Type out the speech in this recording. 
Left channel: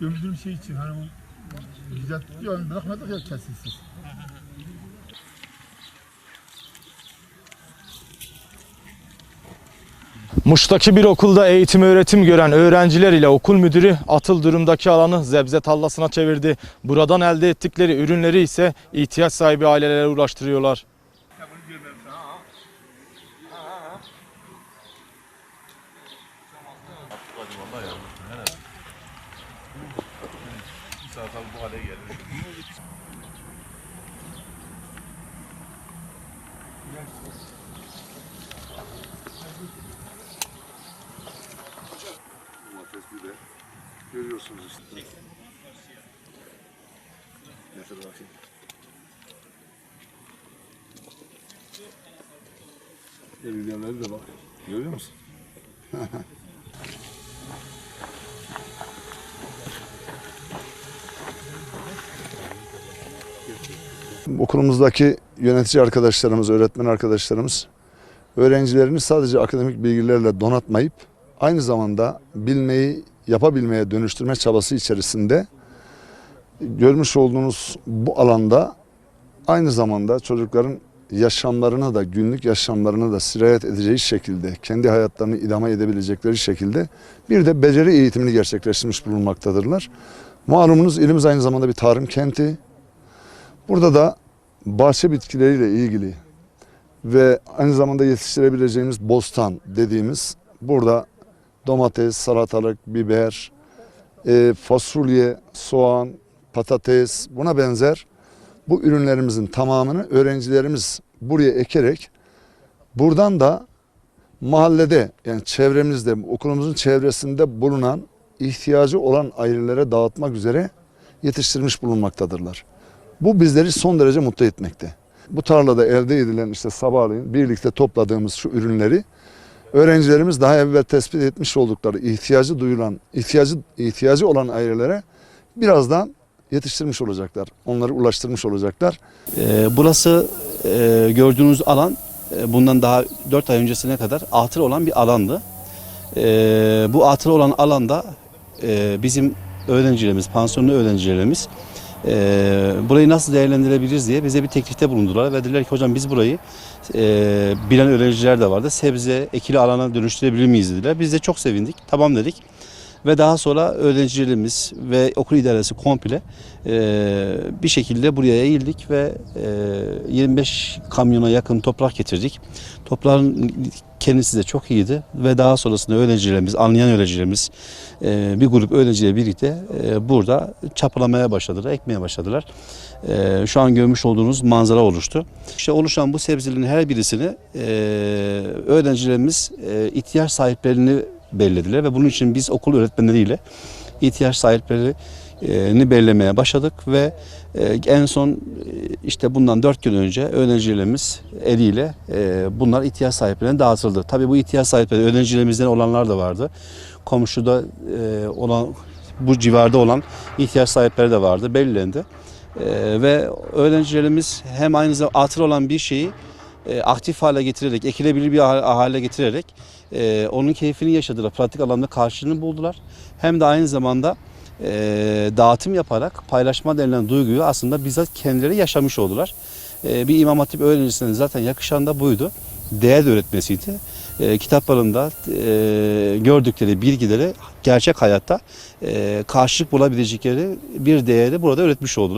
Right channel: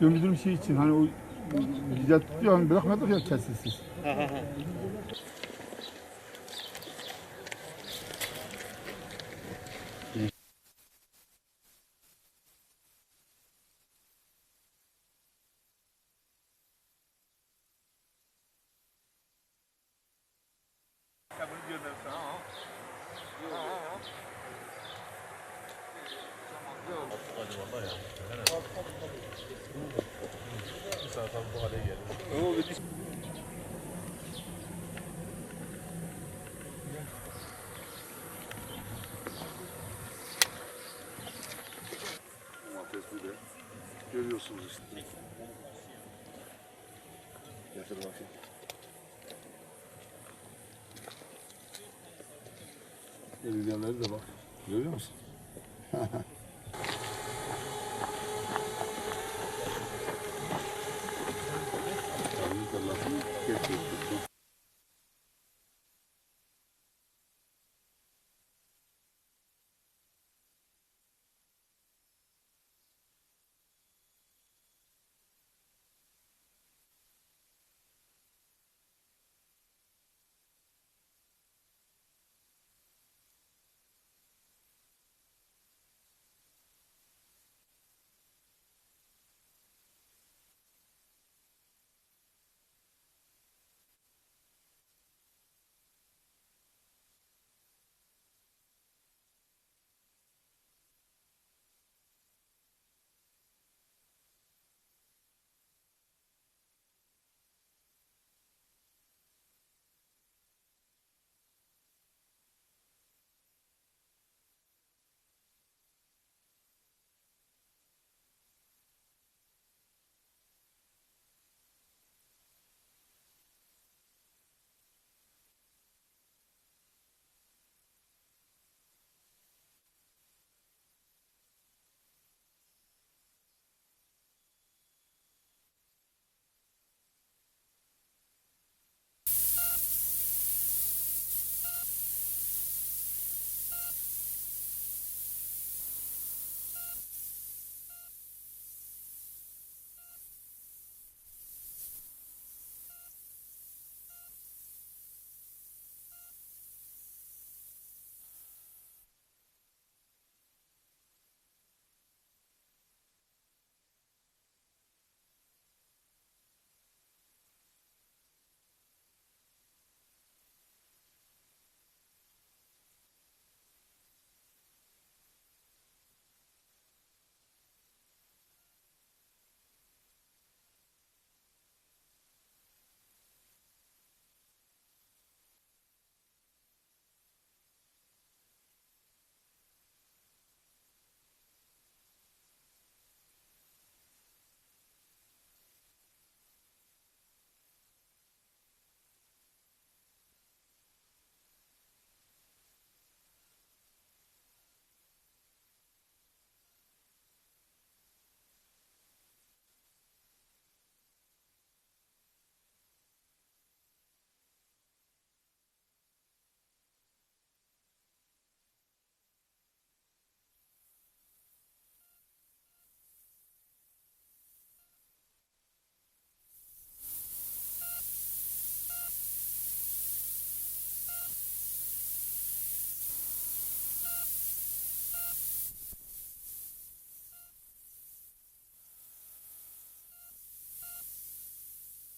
Gömüldüğüm şey için hani o güzel tutuyor hani bırakmadık ya kesilsiz. Muş'taki bir okulda eğitim öğretim gören öğrenciler ile okul müdürü atıl durumdaki alanı zebze tallasına çevirdi. Buradan elde ettikleri ürünleri ise ihtiyaç sahibi ailelere ulaştırıyorlar. Domatesli de görüyorsunuz işte. Getir bakayım. Ürünleri de bak. Görüyor musun? Okulumuzdaki yönetici arkadaşlarımız, öğretmen arkadaşlarımız öğrencilerini sadece akademik bilgilerle donatmayıp aynı zamanda bilmeyi yapabilmeye dönüştürme çabası içerisinde görmüş olduğunuz bu alanda aynı zamanda çocukların yaşamlarına da günlük yaşamlarına da sirayet edeceği şekilde kendi hayatlarını idame edebilecekleri şekilde bir de beceri eğitimini gerçekleştirmiş bulunmaktadırlar. Malumunuz ilimiz aynı zamanda bir tarım kenti. Burada da bahçe bitkileriyle ilgili ve aynı zamanda yetiştirebileceğimiz bostan dediğimiz burada domates, salatalık, biber, e, fasulye, soğan, patates buna benzer bu ürünlerimizin tamamını öğrencilerimiz buraya ekerek buradan da mahallede yani çevremizde okulumuzun çevresinde bulunan ihtiyacı olan ailelere dağıtmak üzere yetiştirmiş bulunmaktadırlar. Bu bizleri son derece mutlu etmekte. Bu tarlada elde edilen işte sabahleyin birlikte topladığımız şu ürünleri öğrencilerimiz daha evvel tespit etmiş oldukları ihtiyacı duyulan, ihtiyacı ihtiyacı olan ailelere birazdan yetiştirmiş olacaklar. Onları ulaştırmış olacaklar. Ee, Burası e, gördüğünüz alan e, bundan daha 4 ay öncesine kadar atıl olan bir alandı. Ee, Bu atıl olan alanda e, bizim öğrencilerimiz, pansiyonlu öğrencilerimiz e, burayı nasıl değerlendirebiliriz diye bize bir teklifte bulundular ve dediler ki hocam biz burayı e, bilen öğrenciler de vardı. Sebze, ekili alana dönüştürebilir miyiz dediler. Biz de çok sevindik. Tamam dedik. Ve daha sonra öğrencilerimiz ve okul idaresi komple e, bir şekilde buraya eğildik ve e, 25 kamyona yakın toprak getirdik. Toprağın kendisi de çok iyiydi ve daha sonrasında öğrencilerimiz, anlayan öğrencilerimiz e, bir grup öğrenciyle birlikte e, burada çapalamaya başladılar, ekmeye başladılar. E, şu an görmüş olduğunuz manzara oluştu. İşte oluşan bu sebzelerin her birisini e, öğrencilerimiz e, ihtiyaç sahiplerini belirlediler ve bunun için biz okul öğretmenleriyle ihtiyaç sahiplerini belirlemeye başladık ve e, en son e, işte bundan dört gün önce öğrencilerimiz eliyle e, bunlar ihtiyaç sahiplerine dağıtıldı. Tabii bu ihtiyaç sahipleri öğrencilerimizden olanlar da vardı. Komşuda olan bu civarda olan ihtiyaç sahipleri de vardı belirlendi. E, ve öğrencilerimiz hem aynı zamanda atıl olan bir şeyi e, aktif hale getirerek, ekilebilir bir ha- hale getirerek e, onun keyfini yaşadılar. Pratik alanda karşılığını buldular. Hem de aynı zamanda e, dağıtım yaparak paylaşma denilen duyguyu aslında bizzat kendileri yaşamış oldular. Bir İmam Hatip öğrencisinin zaten yakışan da buydu. Değer de öğretmesiydi. E, kitaplarında e, gördükleri bilgileri gerçek hayatta e, karşılık bulabilecekleri bir değeri burada öğretmiş oldular.